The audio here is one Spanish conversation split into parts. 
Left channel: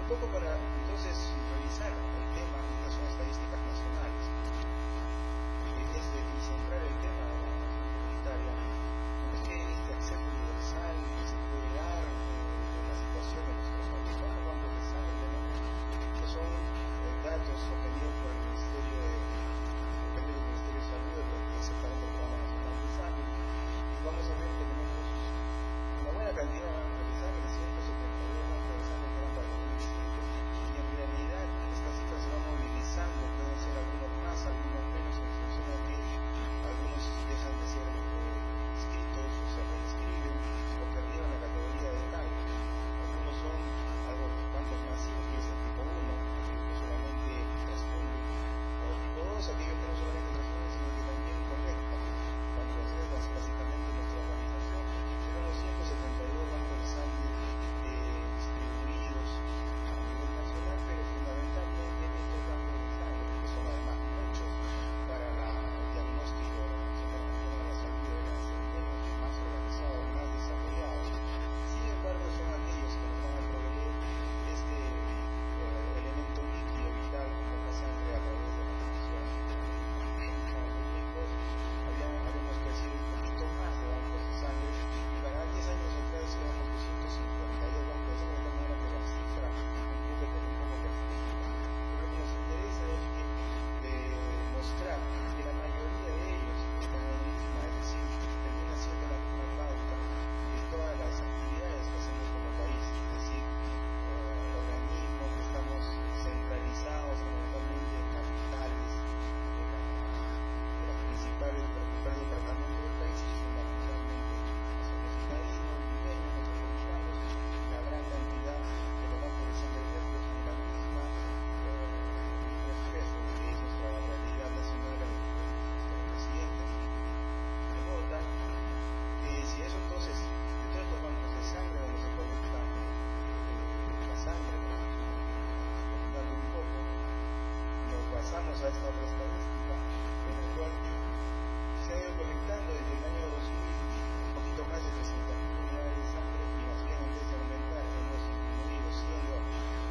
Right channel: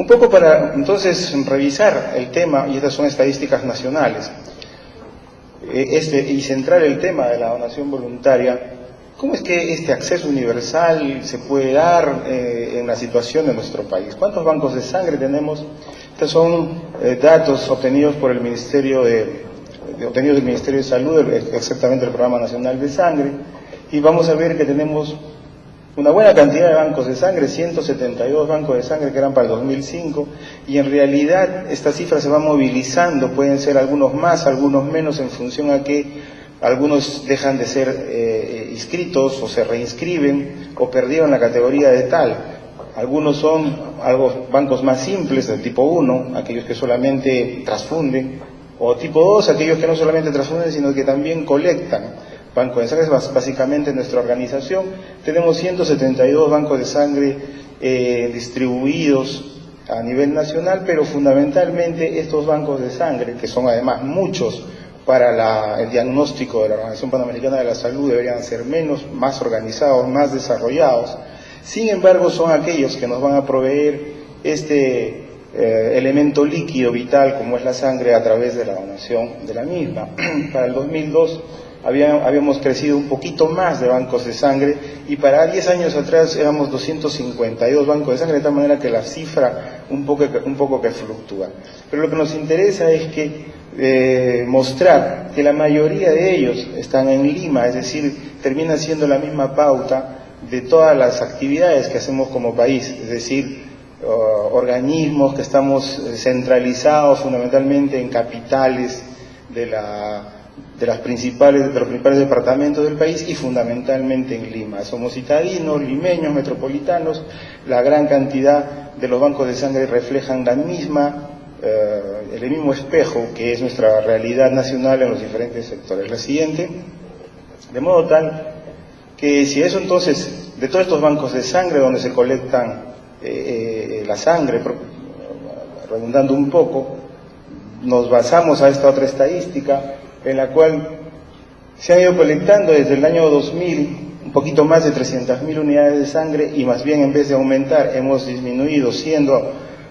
Un poco para entonces revisar el tema, y estas son estadísticas nacionales, y centrar el tema de la donación voluntaria. ¿Cómo es que este acceso universal se puede dar en la situación de nuestro país? ¿Cuántos bancos de sangre tenemos? Estos son datos obtenidos por el Ministerio obtenidos del Ministerio de Salud, exactamente el Programa Nacional de Sangre, y vamos a ver que tenemos una buena cantidad de bancos de sangre, 172 bancos de sangre que eran para el 2005, y en realidad esta cifra se va movilizando, pueden ser algunos más, algunos menos, en función a que algunos dejan de ser inscritos o se reinscriben o perdieron la categoría de tal. Algunos son bancos más simples, del tipo 1, aquellos que solamente transfunden, o tipo 2, aquellos que no solamente transfunden, sino que también colectan. Banco de sangre es básicamente nuestra organización. Tenemos 172 bancos de sangre distribuidos a nivel nacional, pero fundamentalmente estos bancos de sangre, que son además muchos para el diagnóstico de la Organización Panamericana de la Salud, deberían ser más organizados, más desarrollados. Sin embargo, son aquellos que nos van a proveer este elemento líquido vital como es la sangre a través de la donación de la misma. Para el 2002 habíamos crecido un poquito más de bancos de sangre, y para 10 años atrás éramos 252 bancos de sangre, de tal manera que la cifra un poco que fluctúa. Pero lo que nos interesa es que mostrar que la mayoría de ellos están en Lima, es decir, termina siendo la misma pauta de todas las actividades que hacemos como país, es decir, organismos que estamos centralizados fundamentalmente en capitales de los principales departamentos del país, y fundamentalmente en Lima. Somos citadinos, limeños, metropolitanos. La gran cantidad de los bancos de sangre reflejan el mismo espejo que es nuestra realidad nacional en los diferentes sectores. La siguiente, de modo tal que si eso entonces, de todos estos bancos de sangre donde se colectan la sangre, redundando un poco, nos basamos a esta otra estadística en la cual se han ido colectando desde el año 2000 un poquito más de 300.000 unidades de sangre, y más bien en vez de aumentar hemos disminuido, siendo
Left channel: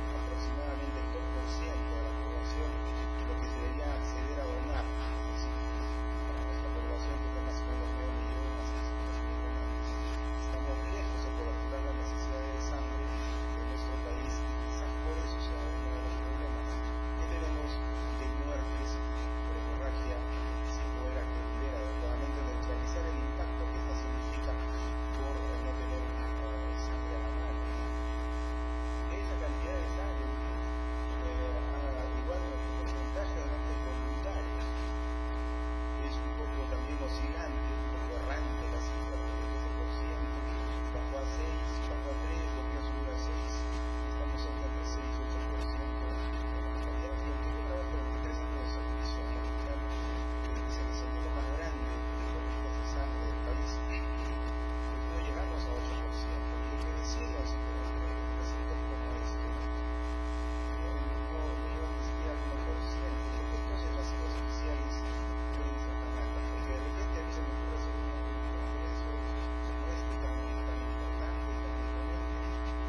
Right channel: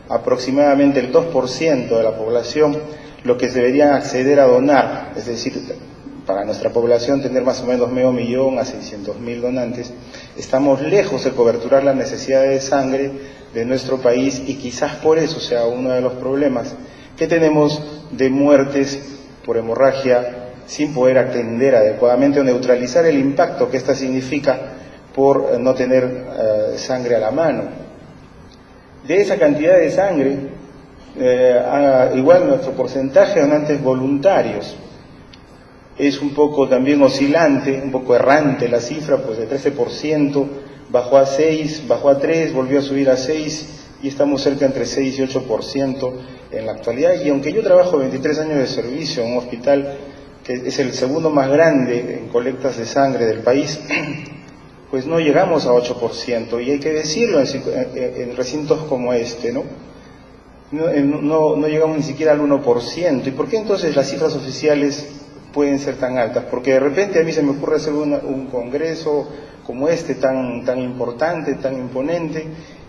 aproximadamente el 2% de la población lo que deberían acceder a donar, es decir, para nuestra población tener más o menos 500.000 a 600.000 donantes. Estamos lejos de coberturar las necesidades de sangre de nuestro país, y quizás por eso sea uno de los problemas que tenemos de muertes por hemorragia sin poder atender adecuadamente o neutralizar el impacto que esta significa por no tener sangre a la mano. De esa cantidad de sangre, igual nuestro porcentaje de donantes voluntarios es un poco también oscilante, un poco errante la cifra, pues de 13% bajó a 6, bajó a 3, volvió a subir a 6, y estamos cerca entre 6 y 8% en la actualidad. Y aunque yo trabajo 23 años de servicio en un hospital que es el segundo más grande en colectas de sangre del país, pues no llegamos a 8%, y hay que decirlo en recintos como este, ¿no? No llegamos ni siquiera al 1%. ¿Y por qué entonces las cifras oficiales pueden ser tan altas? Porque de repente a mí se me ocurre hacer un congreso como este tan importante, tan imponente,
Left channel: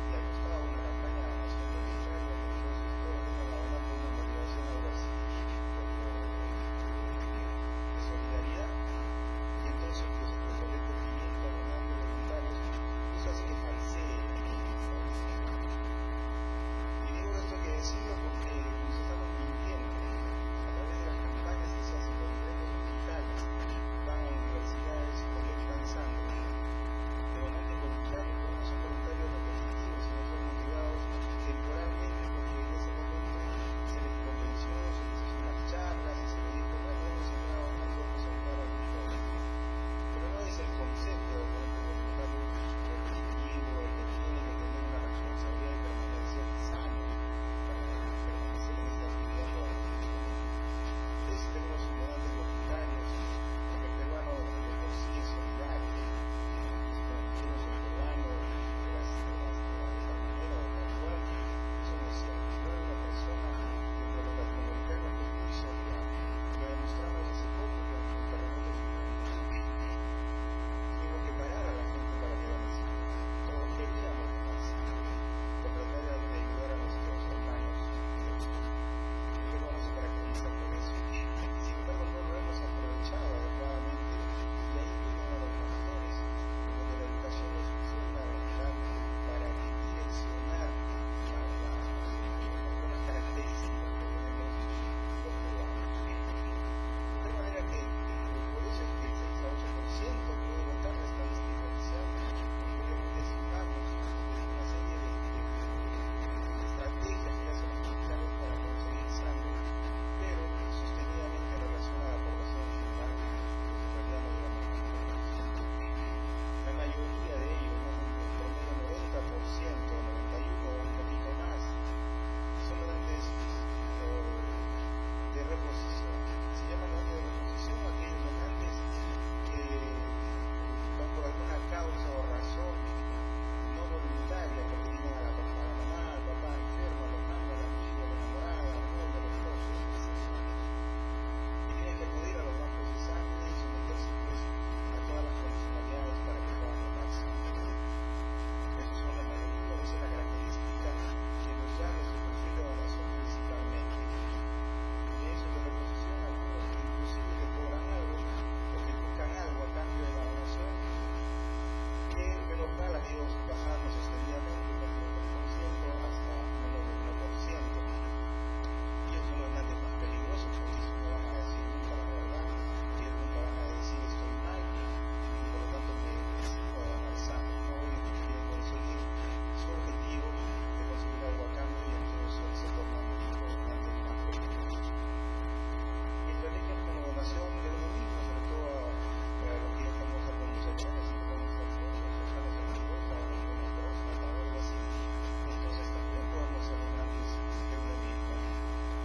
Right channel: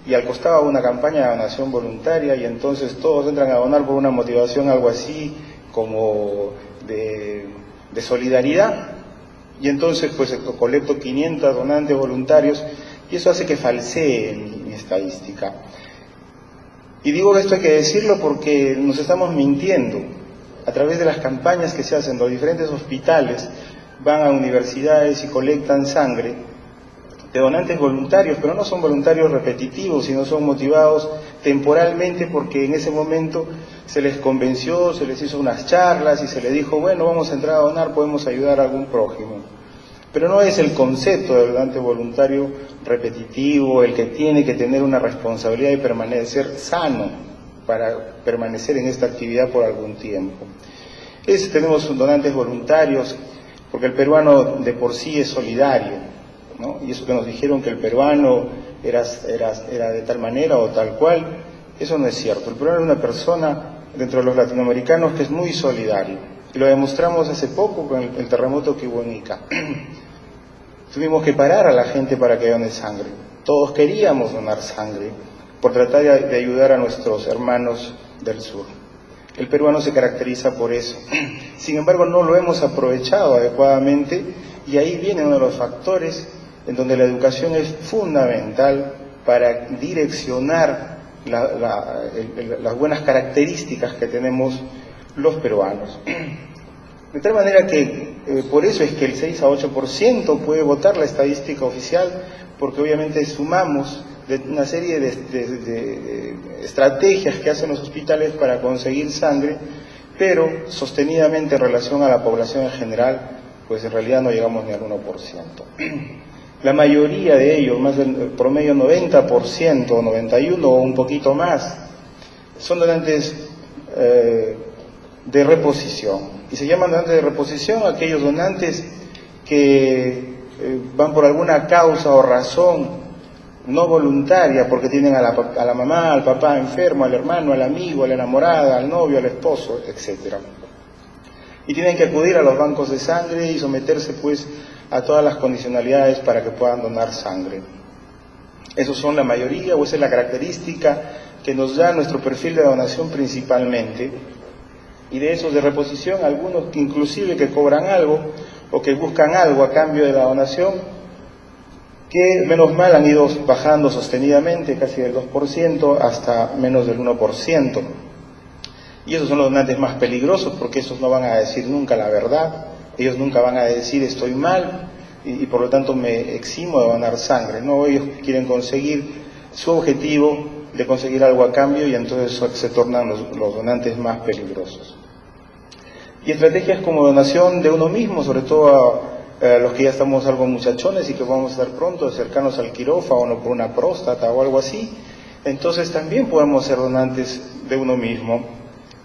y al costado una campaña de donación voluntaria, y entonces todos entran a donar por una motivación algo así como de solidaridad, y entonces pues colecto 500 donantes voluntarios, y eso hace que falsee mi estadística. Y digo que esto hay que decirlo porque nos estamos mintiendo. A través de las campañas que se hacen, los diferentes hospitales van a universidades y colectan sangre de donantes voluntarios, pero no son voluntarios repetitivos, sino son motivados temporalmente porque en ese momento se les convenció, se les hizo unas charlas y se les dijo, bueno, vamos a entrar a donar, podemos ayudar a algún prójimo. Pero no es el concepto del donante voluntario repetitivo el que tiene que tener una responsabilidad de permanecer sano para permanecer en esta actividad por algún tiempo. Tenemos donantes voluntarios porque el peruano de por sí es solidario, ¿no? Y eso que nos dijeron que el peruano era de tal manera o tal cual, eso no es cierto. El peruano es una persona dentro de los latinoamericanos que es muy solidario. Y lo demostramos hace poco con el terremoto que hubo en Ica. Tuvimos que parar a la gente para que done sangre. Todos queríamos donar sangre, por tratar de ayudar a nuestros hermanos del sur. El peruano se caracteriza por eso. Sin embargo, no lo hemos aprovechado adecuadamente y ahí viene uno de los factores en donde la educación es fundamental para direccionar las buenas características que tenemos los peruanos. De tal manera que por eso es que el 6 a 8% puede votar la estadística oficial, porque obviamente sumamos de una serie de estrategias que hacen los hospitales para conseguir sangre, pero sostenidamente en relación a la población en general, pues en realidad no llegamos ni al 1%. La mayoría de ellos, más del promedio 90%, 91% o un poquito más, son donantes de reposición. Y se llaman donantes de reposición aquellos donantes que van por alguna causa o razón no voluntaria, porque tienen a la mamá, al papá enfermo, al hermano, al amigo, a la enamorada, al novio, al esposo, etc. Y tienen que acudir a los bancos de sangre y someterse pues a todas las condicionalidades para que puedan donar sangre. Esos son la mayoría, o esa es la característica que nos da nuestro perfil de donación principalmente. Y de esos de reposición, algunos inclusive que cobran algo o que buscan algo a cambio de la donación, que menos mal han ido bajando sostenidamente, casi del 2% hasta menos del 1%. Y esos son los donantes más peligrosos, porque esos no van a decir nunca la verdad, ellos nunca van a decir estoy mal y por lo tanto me eximo de donar sangre. No, ellos quieren conseguir su objetivo de conseguir algo a cambio y entonces se tornan los donantes más peligrosos. Y estrategias como donación de uno mismo, sobre todo a los que ya estamos algo muchachones y que vamos a estar pronto de acercarnos al quirófano por una próstata o algo así, entonces también podemos ser donantes de uno mismo.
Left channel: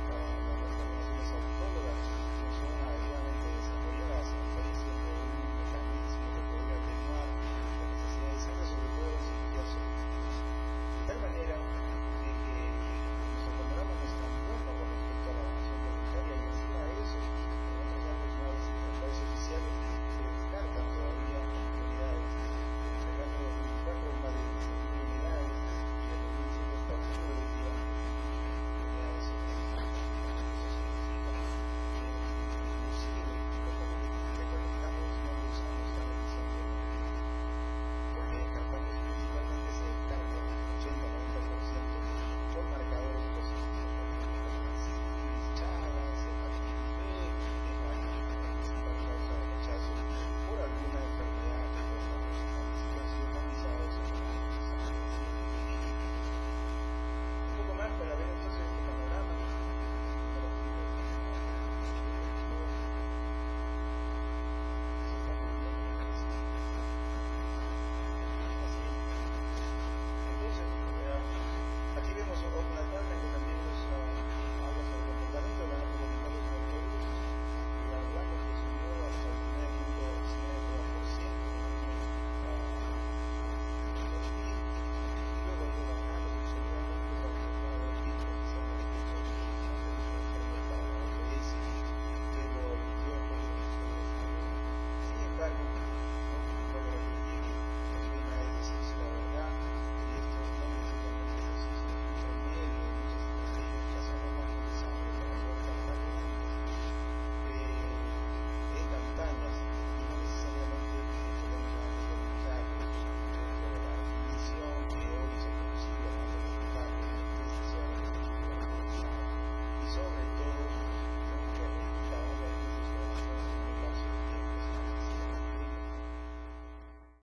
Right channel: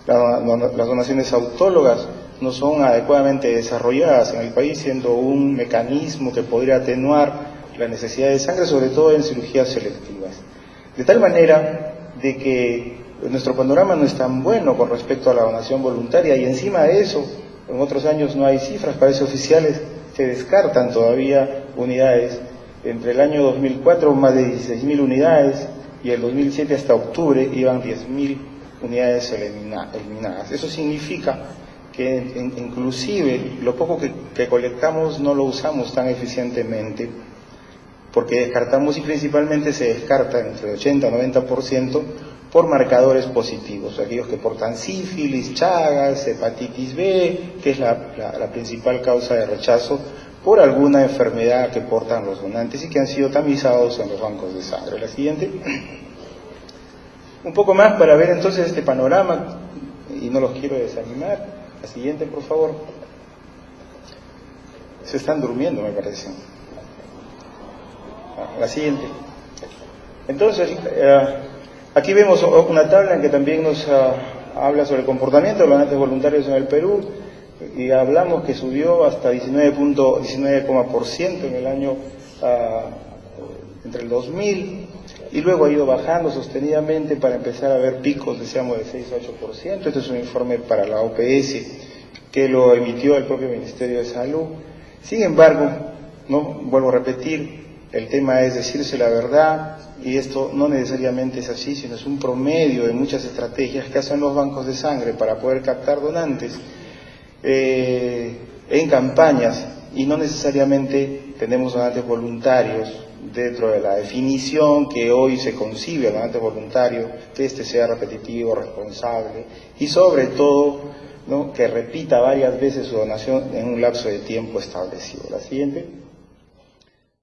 Las donaciones autólogas no son adecuadamente desarrolladas en el país, siendo un mecanismo que podría atenuar la necesidad de sangre, sobre todo en cirugías selectivas. De tal manera de que nuestro panorama no es tan bueno con respecto a la donación voluntaria, y encima de eso, en otros años no hay cifras, parece oficiales, se descartan todavía unidades. Entre el año 2004 más de 16.000 unidades y el 2007 hasta octubre iban 10.000 unidades eliminadas. Eso significa que inclusive lo poco que colectamos no lo usamos tan eficientemente, porque descartamos, y principalmente se descarta entre 80 y 90% por marcadores positivos, aquellos que portan sífilis, chagas, hepatitis B, que es la principal causa de rechazo por alguna enfermedad que portan los donantes y que han sido tamizados en los bancos de sangre. La siguiente. Un poco más para ver entonces este panorama, y no los quiero desanimar. La siguiente, por favor. Se están durmiendo, me parece. La siguiente. Entonces, aquí vemos una tabla en que también nos habla sobre el comportamiento de los donantes voluntarios en el Perú, y hablamos que subió hasta 19% en el año entre el 2000, y luego ha ido bajando sostenidamente para empezar a ver picos, decíamos, de 6 a 8%. Este es un informe para la OPS que lo emitió el propio Ministerio de Salud. Sin embargo, no vuelvo a repetir, el tema es decirse la verdad, y esto no necesariamente es así, sino es un promedio de muchas estrategias que hacen los bancos de sangre para poder captar donantes en campañas, y no necesariamente tenemos donantes voluntarios dentro de la definición que hoy se concibe al donante voluntario, que éste sea repetitivo, responsable y sobre todo, ¿no?, que repita varias veces su donación en un lapso de tiempo establecido. La siguiente.